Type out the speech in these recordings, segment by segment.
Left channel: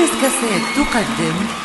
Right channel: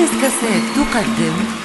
يونس كاسيت تقدم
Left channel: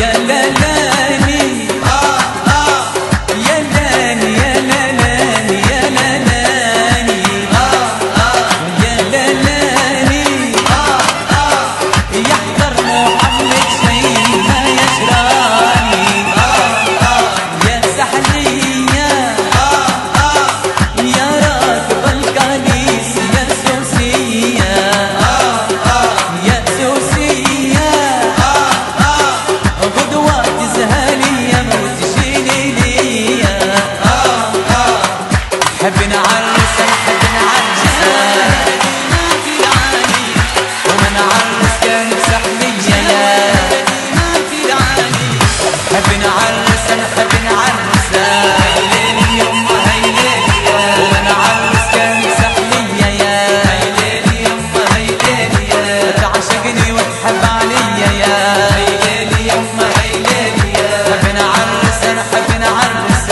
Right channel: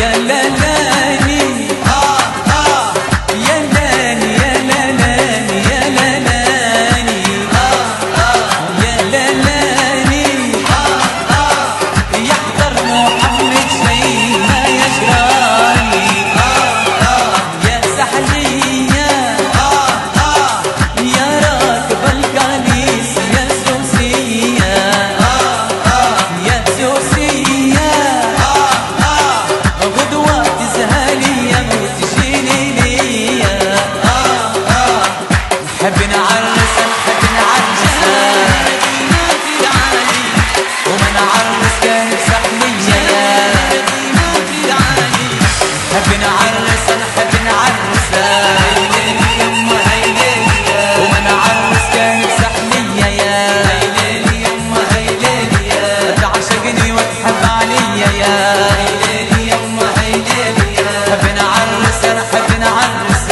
يا لالاني يا لاني يا لالاني يا لالاني يا لالاني يحضر محمد شيء ما يجراني يا سحلية يا راكب القنيس يا سوسية يا سوسية غدوة تزهالية وتجيني ليا نحب نعرس نحب نعرس مدينة العالي وما نعرس كان بسحلية مدينة العالي نحب نعرس نحب نعرس وما نعرس كان بسحلية يا تعشقني وتحب عليا يا نحب نعرس نحب نعرس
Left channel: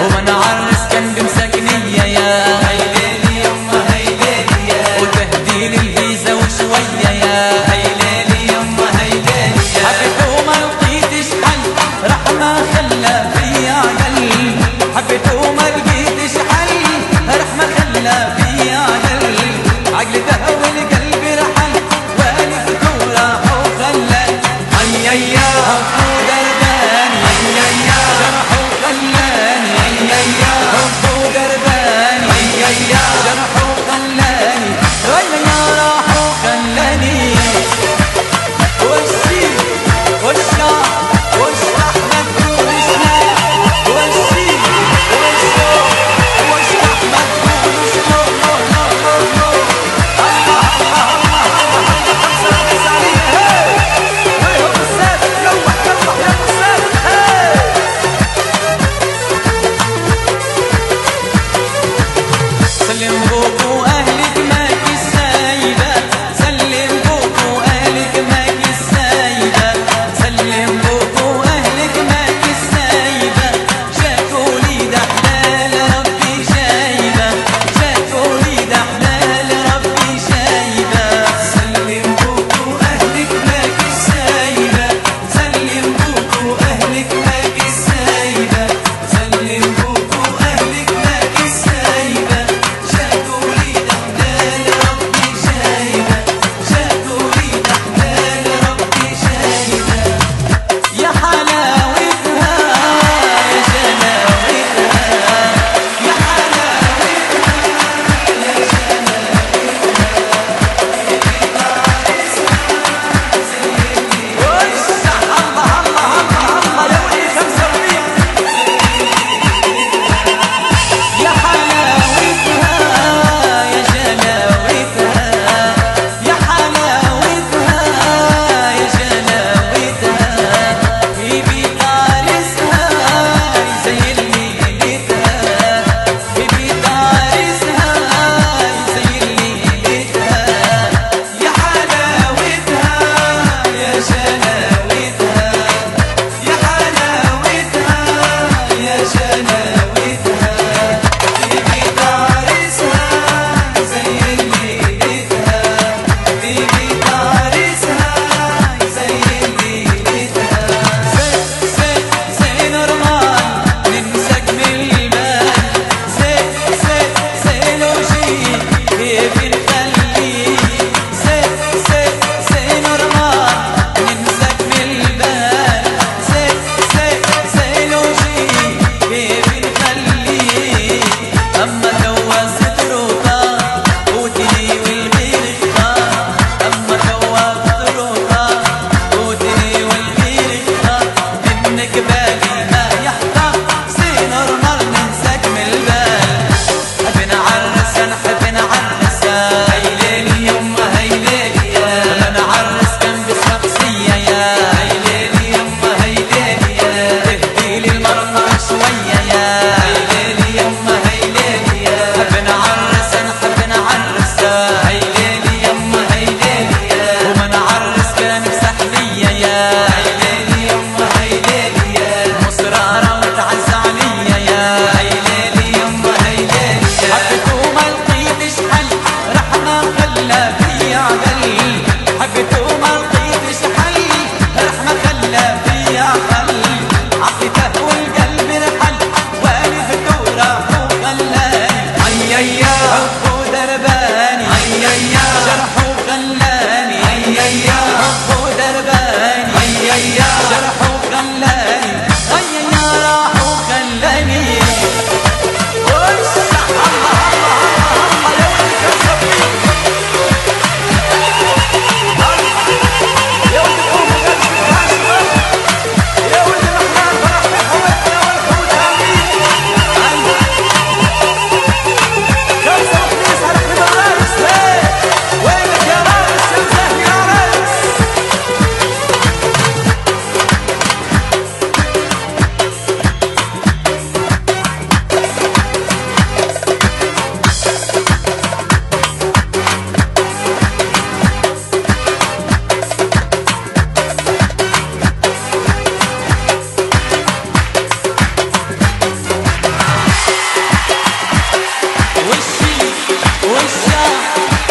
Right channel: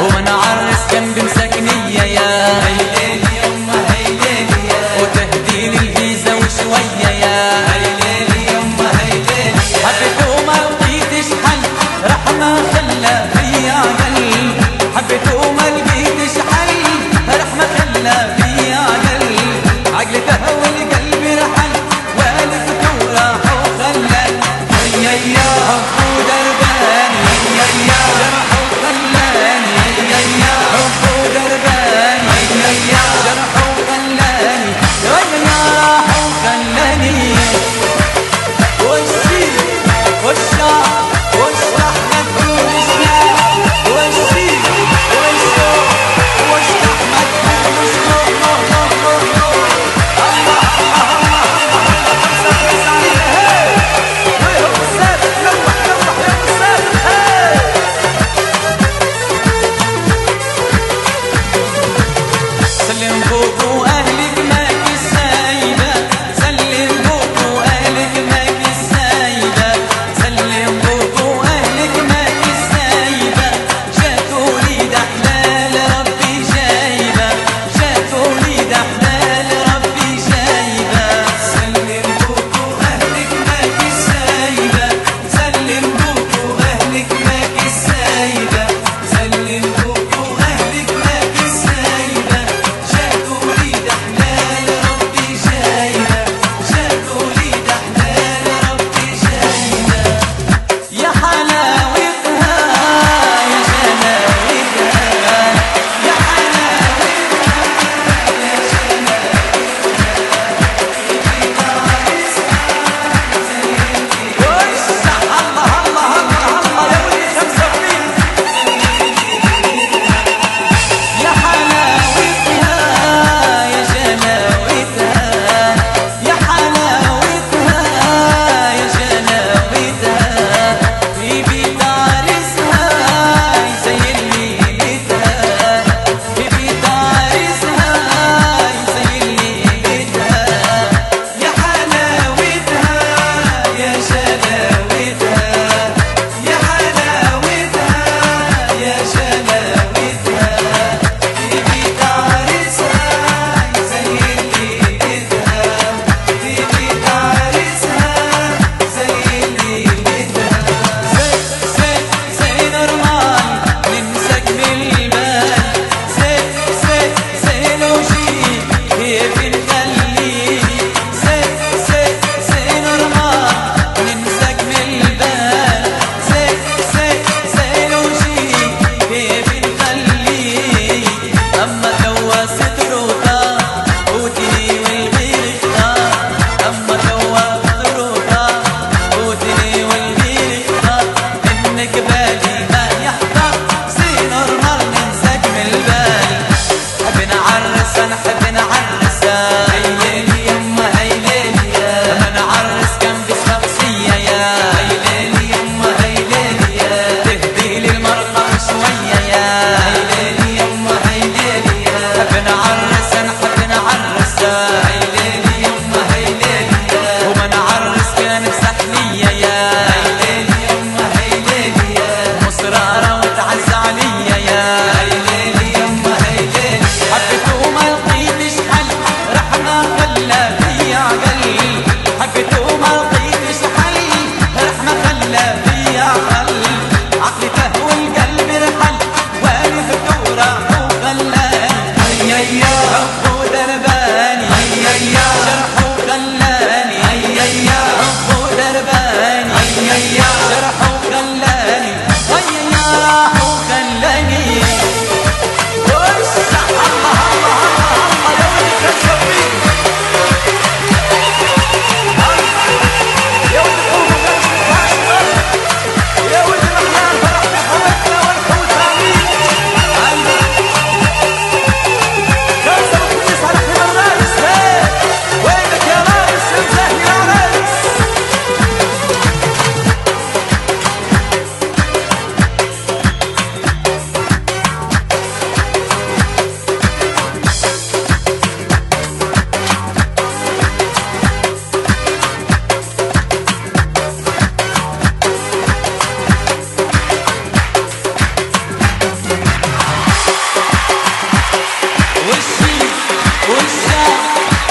وما نعرس كان بمسكنية يا وتهدي لي الفيزا وشوية يا حبيته وما لقيتش حل رحمة خلى فيا قلب حبيته وما لقيتش حل رحمة خلى فيا قلب عقلي تهوى القلب رحل والدته راح وخلى هيا حبه درباني جرحه خلاني حبه درباني جرحه خلاني راح خلاني وشي والشعب واشرح مدخول اسلام وشي والشعب واشرح مدخول اسلام الله الله الله الله الله خمسة خمسة عليها هاي ويهم السابق لوح لوح يا السابق هاي سلم بوك واهلك ماكي السايبة سلم بوك واهلك ماكي السايبة سلم بوك واهلك ماكي السايبة شافوا لي ده حلال ربي شايبة شافوا لي ده حلال ربي شايبة سلم بوك واهلك ماكي السايبة سلم بوك واهلك ماكي السايبة سلم بوك واهلك ماكي السايبة شافوا لي ده حلال ربي شايبة شافوا لي ده حلال ربي شايبة يا حلاوتها يا جلاوتها يا حلاوتها يا وسع الله الله الله الله يا ولي 75 يا حلاوتها يا جلاوتها يا حلاوتها يا جلاوتها في بيت عرسها يزين ليلتها في بيت عرسها يزين ليلتها يا حلاوتها يا جلاوتها يا حلاوتها يا جلاوتها في بيت عرسها يزين ليلتها في بيت عرسها يزين ليلتها زين رمان نمسك بالبال زين وجي كيف نخليه زين رمان نمسك بالبال زين وجي كيف نخليه أما توا ستر وطار قوتني والغير اختار أما توا ستر وطار قوتني والغير اختار منك بالي ما يحضر زين رمال ننساك من البال حب نعرس نحب نعرس هاي ليلي يما هاي ليلي يا لما نعرس كان بشخصية يا هاي ليلي يما هاي ليلي يا تهدي لي المرقة شوية يا هاي ليلي يما هاي ليلي يا حب نعرس نحب نعرس هاي ليلي يما هاي ليلي يا وما نعرس كان بسحلية يا هاي ليلي يما هاي ليلي يا مصرارة وتعز عليا يا هاي ليلي يما هاي ليلي يا حبيته وما لقيتش حل رحمة خلى فيا عقل حبيته وما لقيتش حل يا جرح وخلاني يا راح وخلاني وسع الله الله الله يا ولدي كان صفيك يا ولدي قوم غير يا ولدي محلال فرح بحوتنا والحوت عليك خمسة وخميس على حمى الرايس وينك يا رايس يا مزاهي يا رايس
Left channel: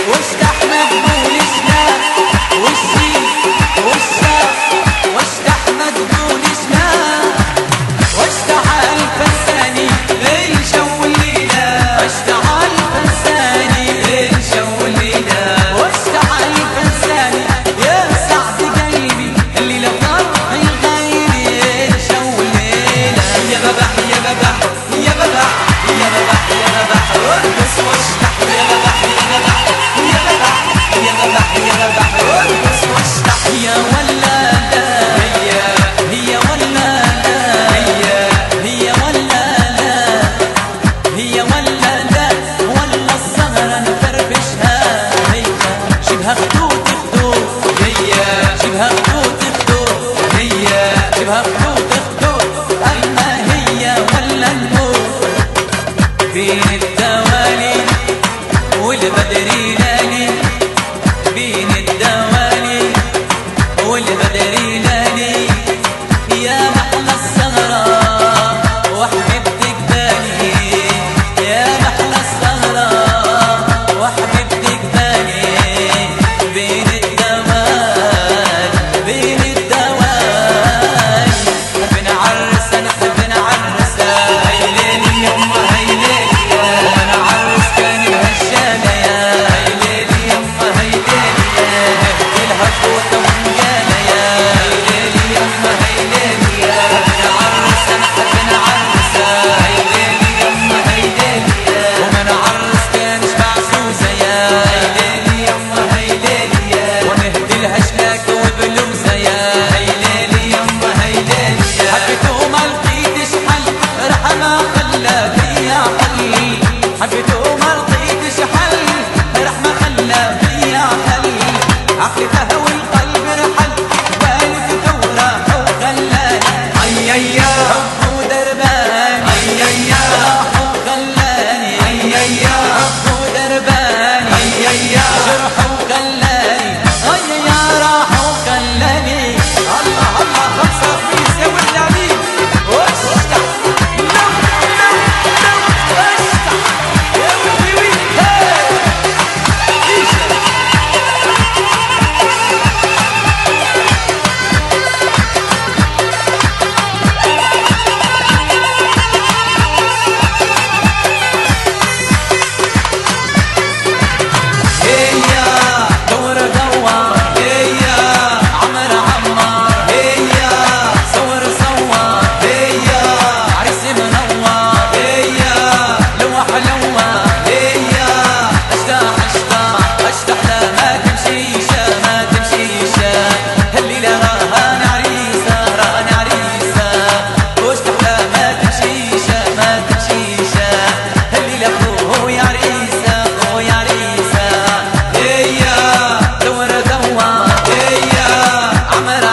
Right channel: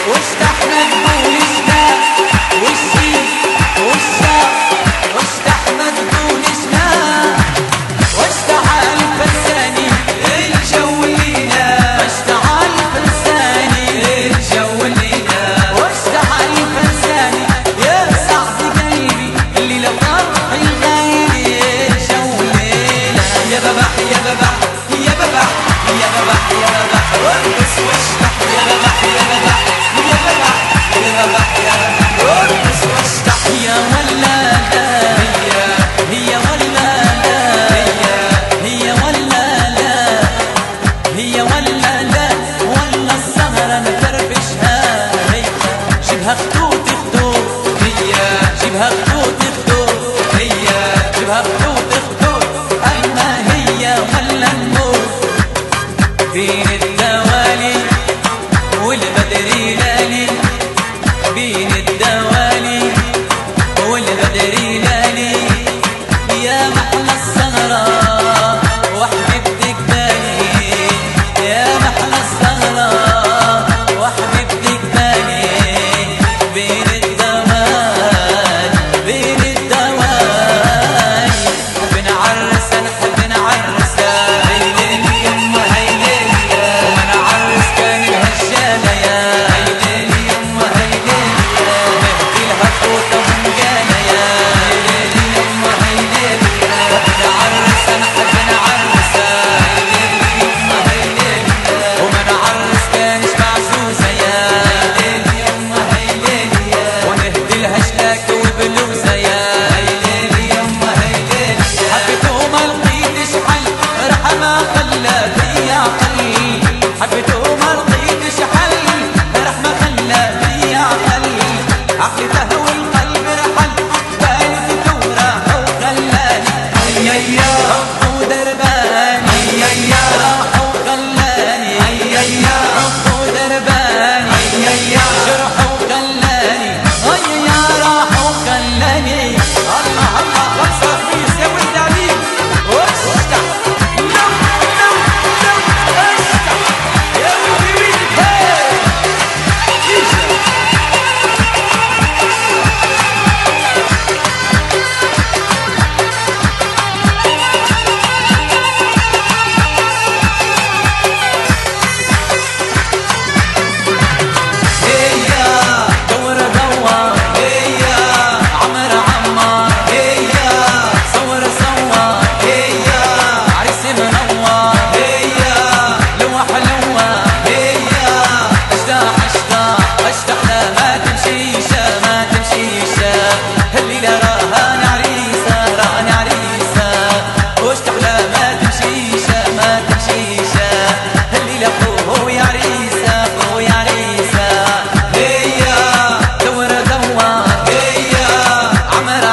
وش احمد بولش لا وشي وش احمد بولش لا وش تعال فنساني الجو الليلة وش تعال فنساني الجو الليلة وش تعال فنساني يا سعد قلبي الليلة فرحي غيري الجو الليلة يا ببح يا ببح يا ببح يا ببح يا ببح وارقص واشتح يا ببح يا ببح هي ولاده هي ولاده هي ولاده هي ولاده ولا السهرة نفرفشها هي شبها خدود خدود هي شبها خدود خدود هي شبها خدود خدود أما هي ولا النور بين الدوالي والبدري لالي بين الدوالي والبدري لالي يا محلى السهرة وحبيبتك بالي يا محلى السهرة وحبيبتك بالي بين الدوالي بين الدوالي حب نعرس نحب نعرس هيليلي يما هيليلي ومن عرس كان بهالشالة يا هيليلي يما هيليلي نهدي لها فوطة ونقالة يا هيليلي يما هيليلي حب نعرس نحب نعرس هيليلي يما هيليلي ومن عرس كان بعزوزة يا هيليلي يما هيليلي ونهدي لها شلاكة وبلوزة يا هيليلي يما هيليلي حبيته ما لقيتش حل رح ما خلى فيا حل حبيته ما لقيتش حل رح ما خلى فيا حل عقلتها والقلب رحل بالي في ثورة وخلاني يا حب ودرباني راح وخلاني حب ودرباني جرح وخلاني يا راح وخلاني الله الله خمسة خميس يا ولد عليم واشتع لو اشتع يا ولدي ويلك هاي ايشا اشتح لا ما تمشيشة ما تمشيشة الليلة راهان عريسة راهان عريسة واشتح لا ما تمشيشة ما تمشيشة الليلة خويا عريسة خويا عريسة هي دور هي عمر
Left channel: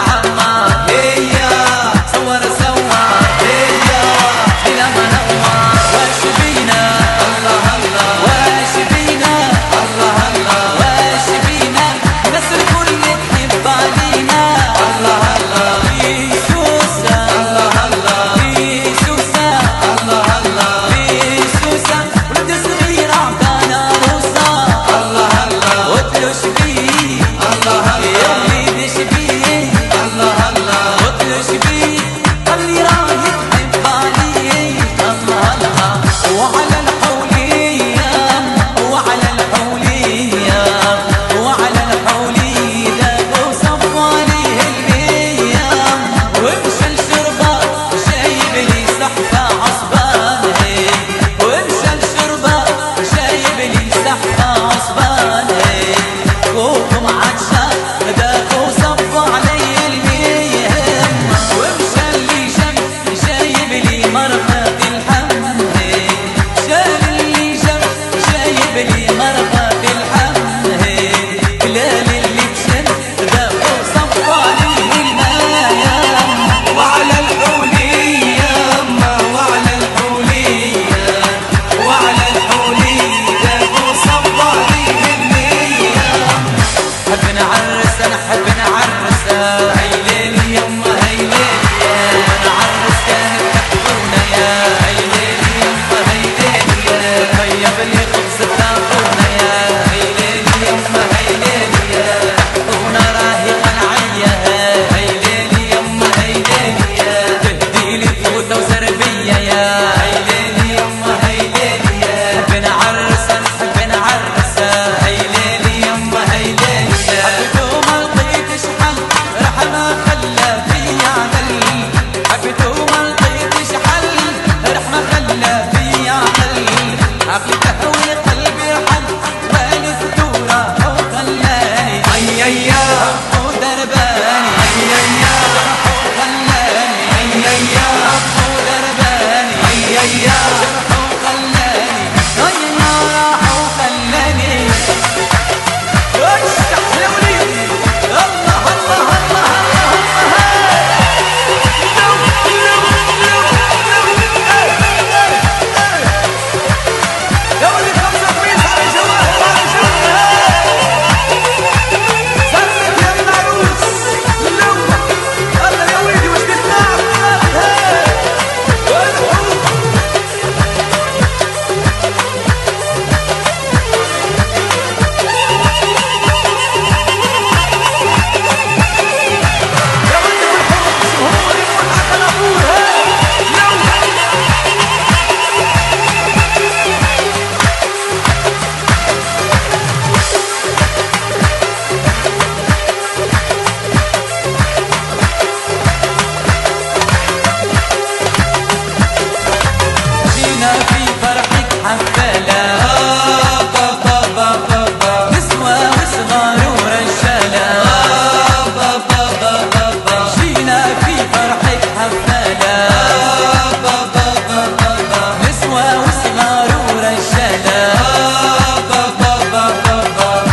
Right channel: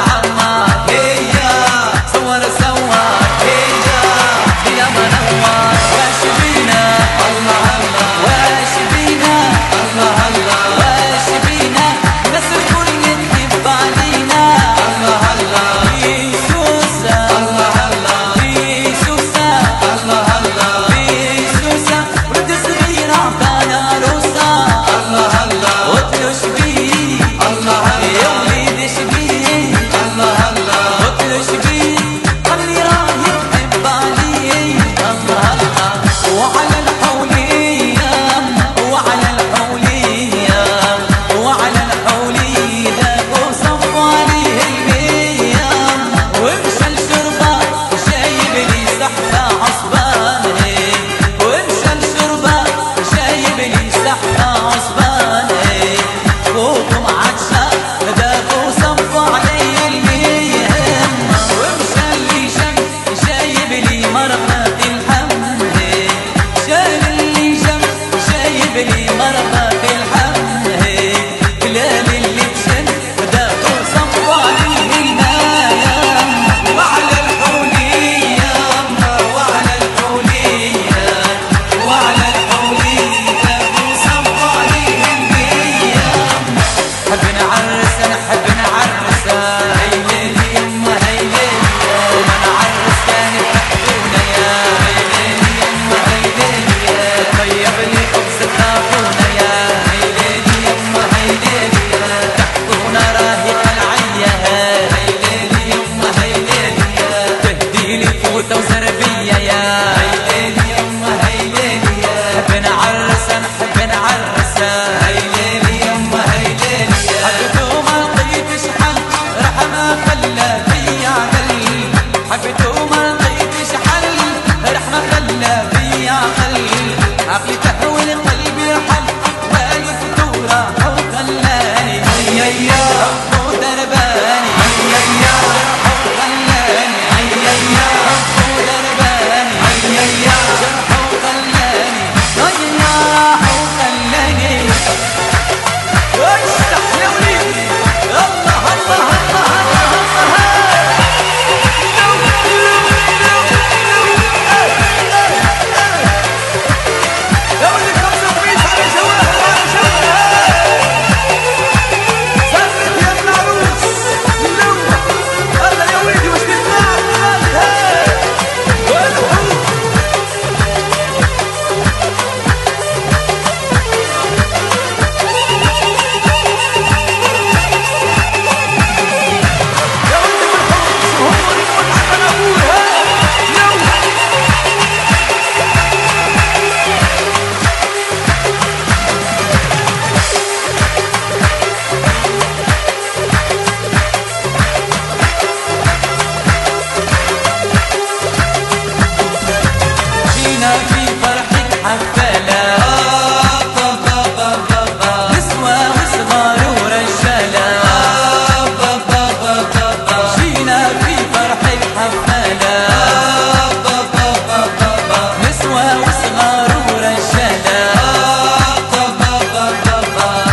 فرحك حفالة، نسوة وصغار ورجالة،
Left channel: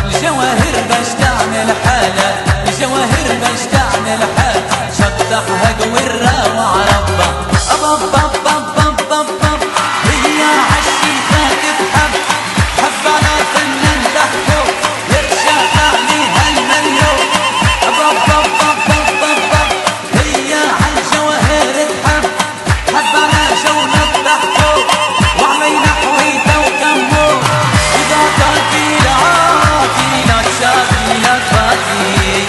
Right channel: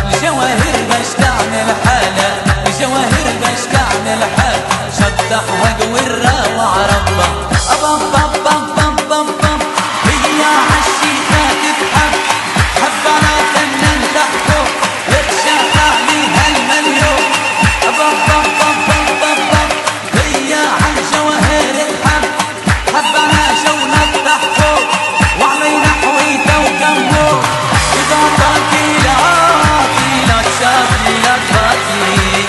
الجواهر باش تعمل حالة، الجواهر باش تعمل حالة، شطحها قورة وعربة، هي عالشيخة تتحب، حب على فنان تحكو يرشق عليها المليون، هي عالجواهر تحب، حب على جونة تحكو وعلينا حويته وكمو، إذا تعطي لعاطي لك شاطي لك باطي،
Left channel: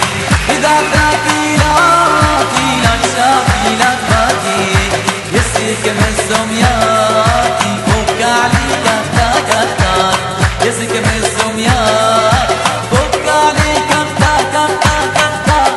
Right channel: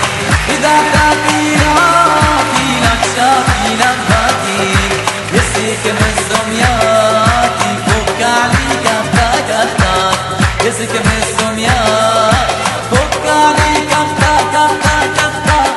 إذا تعطي لعاطي لك شاطي لك باطي، يسيك مزم ياطي فوق عليك افتاك افتاك، يسيك مزم ياطي فوق عليك افتاك افتاك افتاك.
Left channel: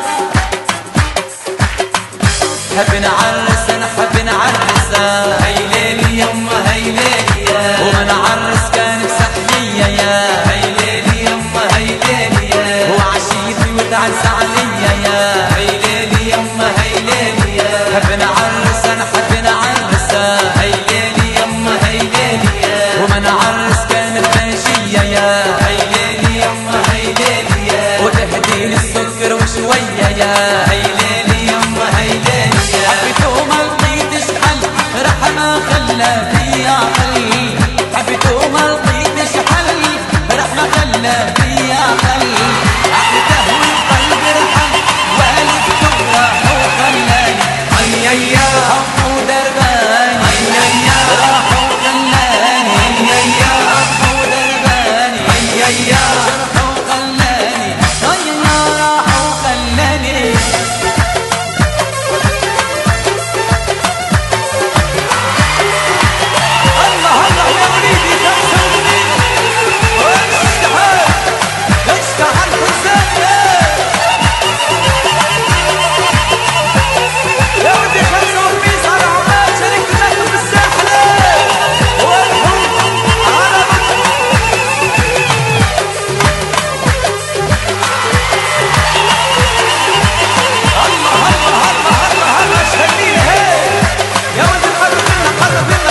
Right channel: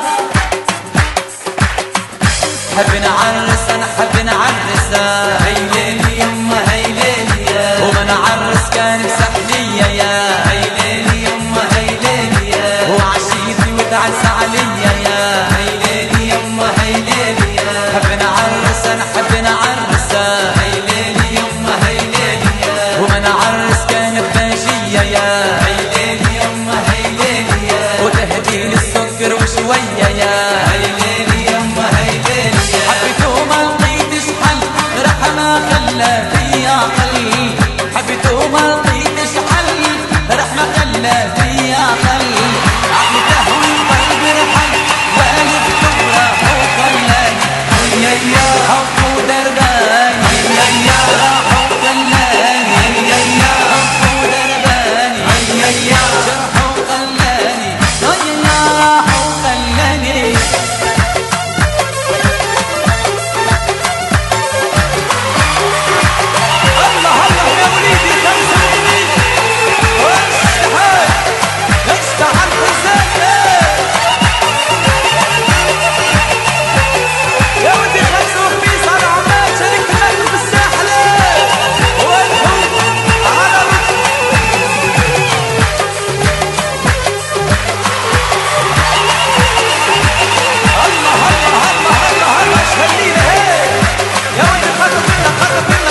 حب نعرس نحب نعرسه، هيليلي يما هيليلي، ومن عرس كان بسحلية يا هيليلي يما هيليلي، وعشيتي وتعز عليا يا هيليلي يما هيليلي، حب نعرس نحب نعرسه، هيليلي يما هيليلي، ومن عرس كان بباشية يا هيليلي يما هيليلي، وتهديني السكر وشوية يا هيليلي يما هيليلي، حبيته ما لقيتش حل راح ما خلى فيا عقل، حبيته ما لقيتش حل راح ما خلى فيا عقل، عقلي تهوي قلبي رحل والدته راح وخلاني، حب ودرباني راح وخلاني، حب ودرباني جرح وخلاني، راح وخلاني. الله الله يا وليدي 85 واشتحال اشتحال حسين يا ولدي 85 على عمان شاركت معكم في الساحل والحب على الله الله الله الله الله ايش هالليله هيك يا ولدي قرب لنا قرب لنا